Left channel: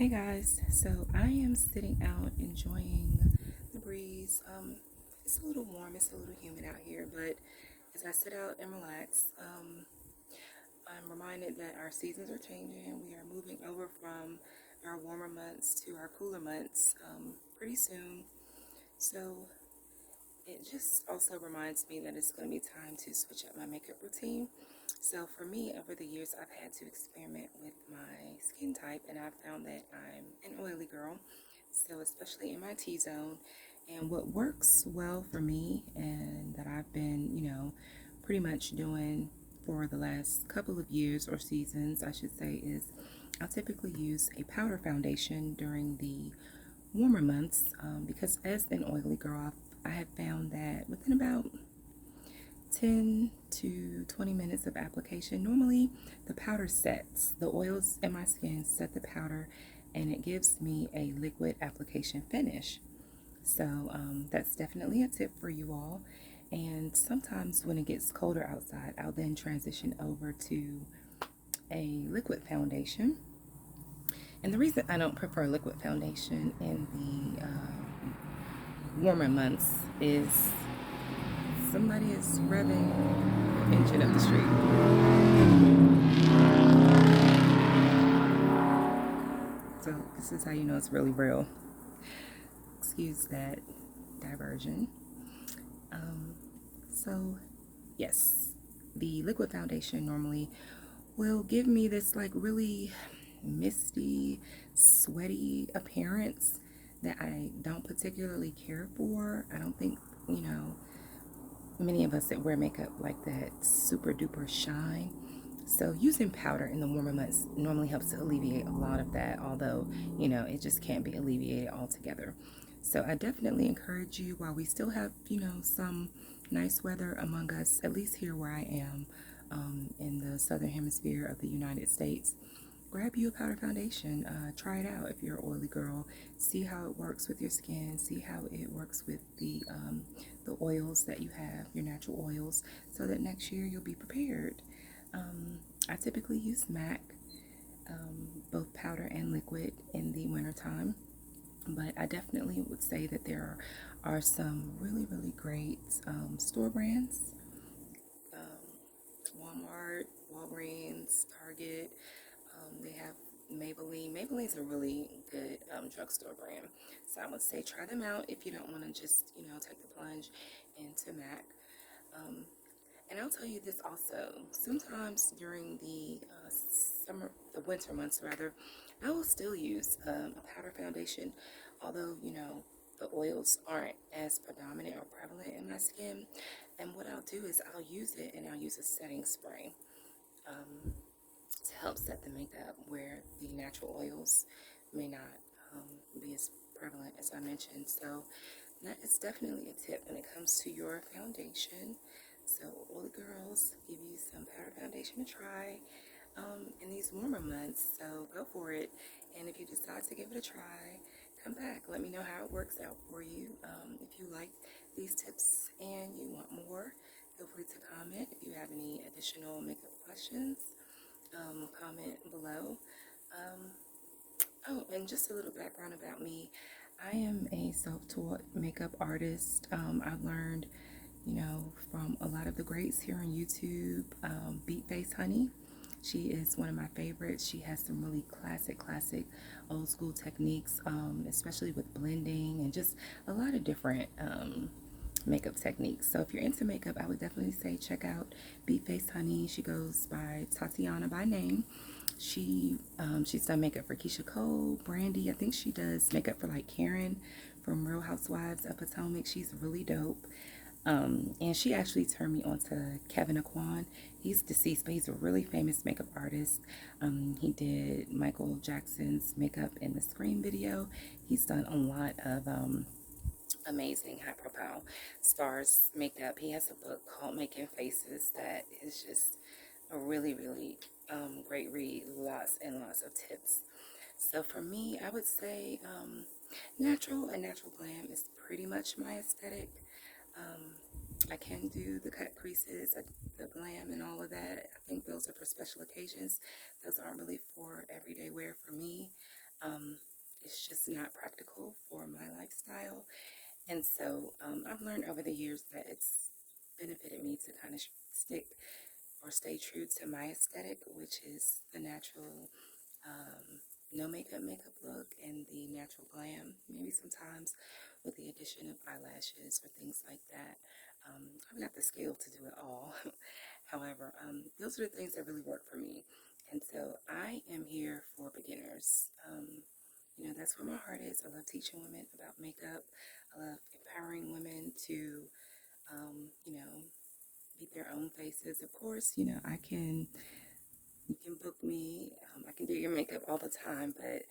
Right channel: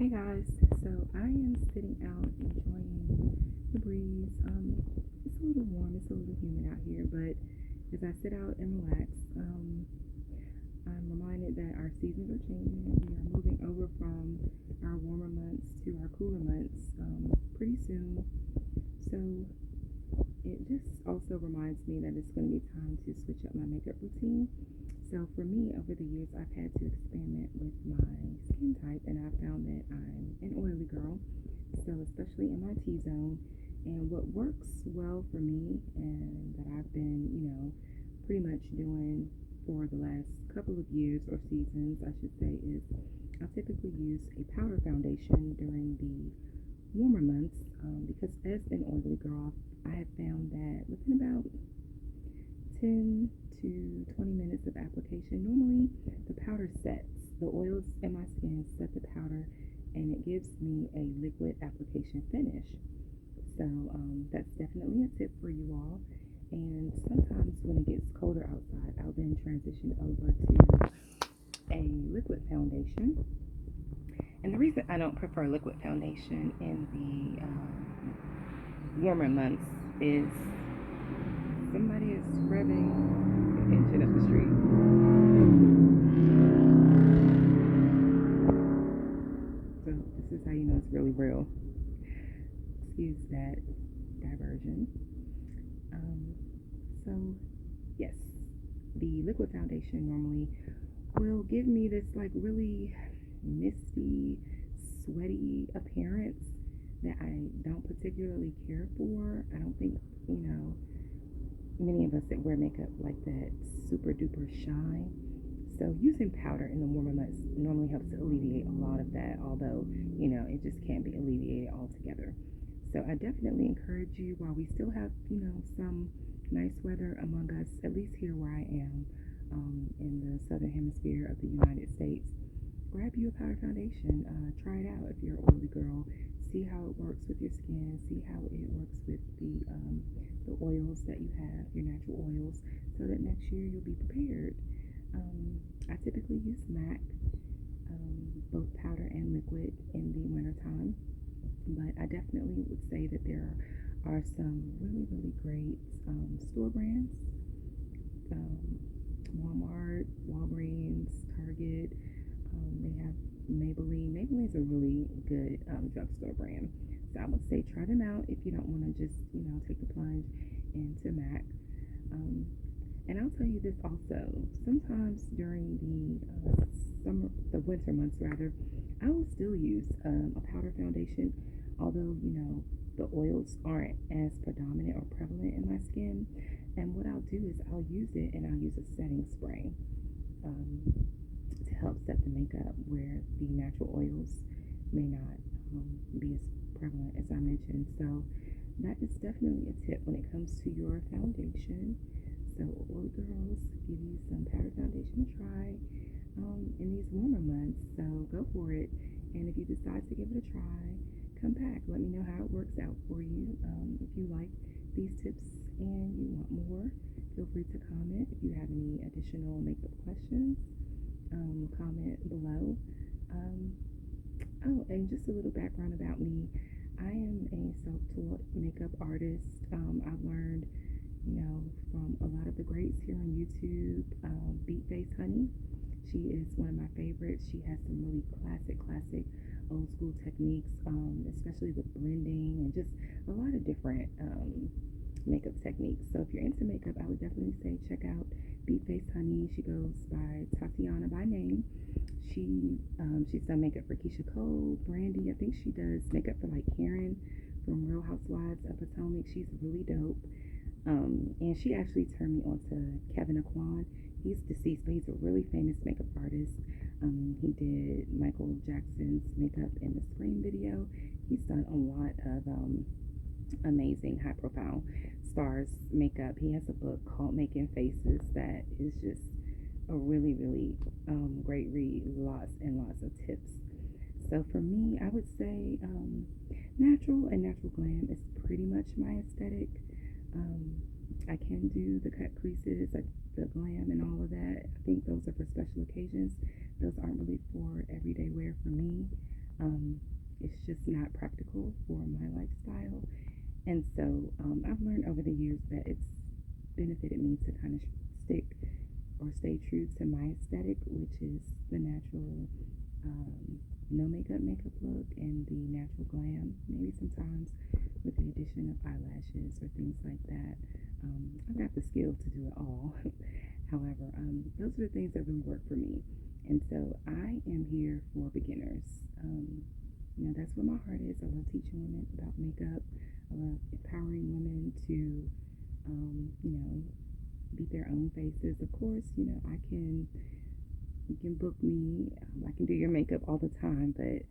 Hey guys, so I am sitting out enjoying the breeze. It's a little warm, it's a little humid out here, but as I sit out and relax, I'm reminded that our seasons are changing. We are moving over from our warmer months to our cooler months pretty soon. So it just also reminds me that it's going to be time to switch up my makeup routine. So for me, over the years, I've had to experiment with my skin type, and I've found that I'm an oily girl. So especially in my T-zone, and what works well for me, and that I've been, pretty much doing for the last couple of years or seasons, I should say, is I'll typically use a powder foundation during the warmer months because as an oily girl, I have found that within about 10 to 20 minutes of application, normally the powder sets. The oils in my skin set the powder and it gives me a liquid application finish. So that's definitely a tip for you all. And sometimes when it gets colder outside, I'll then transition over to a liquid foundation. And the reason I don't prefer liquid foundation in the warmer months is somebody is revving the engine up the street. So this is how you know it's really real. Excuse that diversion. So yes, the liquid foundation normally will give me this like really misty, sweaty appearance that I don't particularly care for. I don't think, many of us that wear makeup like that super duper shine. So using powder in the warmer months normally helps to alleviate a lot of that, although, it just can't be alleviated altogether. So I definitely encourage you, while we still have, some nice weather among us, at least here where I am, in the southern hemisphere of the United States, grab you a powder foundation. Try it out if you're an oily girl. See how it works with your skin. See how it works with the oils that you have, your natural oils, so that next year you'll be prepared. I typically use MAC, both powder and liquid, in the wintertime. But I definitely would say that there are some really, really great store brands. Walmart, Walgreens, Target. They have Maybelline. Maybelline's a really good drugstore brand. So I would say try them out if you don't want to just, take the plunge into MAC. And I'll tell you this also. Sometimes during the winter months rather, I will still use a powder foundation, although, the oils aren't as predominant or prevalent in my skin. And what I'll do is I'll use it and I'll use a setting spray to help set the makeup where the natural oils may not be as prevalent as I mentioned. So that is definitely a tip when it comes to your foundation. So all the girls, give you some powder foundation to try in these warmer months. So go for it. And if you decide to give it a try, come back. Let me know how it works out for you. If you like these tips and you want more, feel free to comment. If you have any additional makeup questions, comment below. And just a little background about me. I am a self-taught makeup artist. I've learned, from a lot of the greats here on YouTube. Beat Face Honey, she is one of my favorites. She has some really classic old school techniques, especially with blending and just a lot of different makeup techniques. So if you're into makeup, I would definitely say check out Beat Face Honey. She goes by Tatiana by name. She's done makeup for Keisha Cole, Brandy. I think she does makeup for like Karen from Real Housewives of Potomac. She's really dope. And she actually turned me on to Kevin Aquan. He's deceased, but he's a really famous makeup artist. He did Michael Jackson's makeup in the Scream video. He's done a lot of amazing high profile stars makeup. He has a book called Making Faces that is just a really, really great read. Lots and lots of tips. So for me, I would say natural and natural glam is pretty much my aesthetic. I can do the cut creases, the glam and all of that. I think those are for special occasions. Those aren't really for everyday wear for me. It's just not practical for my lifestyle. And so I've learned over the years that it's benefited me to kind of stick or stay true to my aesthetic, which is the natural, no makeup look and the natural glam. Maybe sometimes with the addition of eyelashes or things like that. I've got the skill to do it all. However, those are the things that really work for me. And so I am here for beginners. That's where my heart is. I love teaching women about makeup. I love empowering women to, beat their own faces. Of course, you can book me. I can do your makeup all the time, but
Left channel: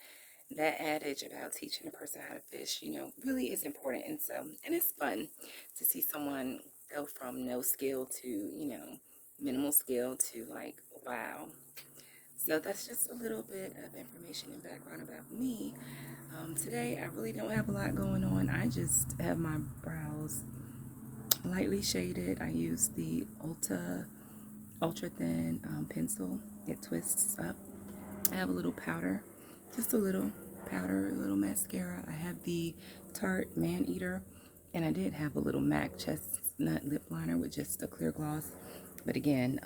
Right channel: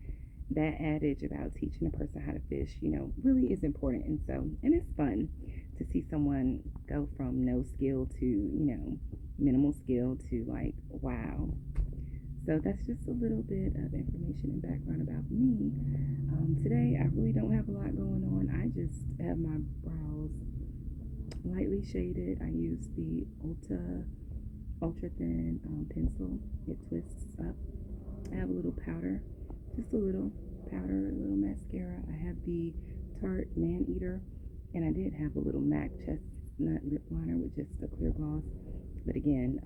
that adage about teaching a person how to fish, really is important. And it's fun to see someone go from no skill to, minimal skill to like, wow. So that's just a little bit of information and background about me. Today, I really don't have a lot going on. I just have my brows lightly shaded. I use the ultra thin pencil. It twists up. I have a little powder, just a little powder, a little mascara. I have the Tarte Man Eater, and I did have a little MAC chestnut lip liner with just a clear gloss. But again,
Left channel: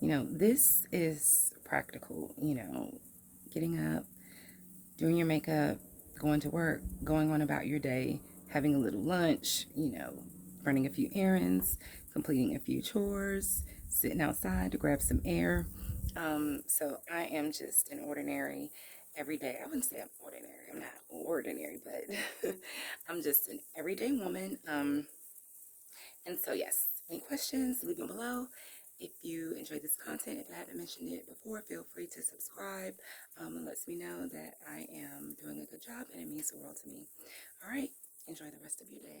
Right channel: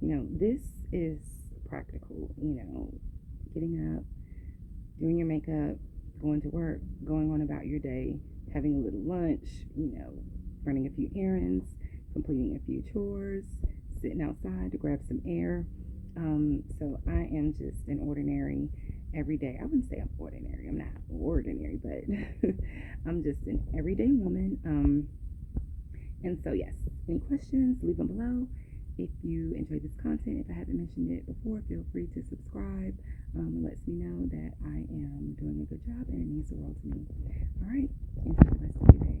this is practical, getting up, doing your makeup, going to work, going on about your day, having a little lunch, running a few errands, completing a few chores, sitting outside to grab some air. So I am just an ordinary, everyday, I wouldn't say I'm ordinary, I'm not ordinary, but I'm just an everyday woman. And so yes, any questions, leave them below. If you enjoyed this content, if I haven't mentioned it before, feel free to subscribe. It lets me know that I am doing a good job, and it means the world to me. All right, enjoy the rest of your day.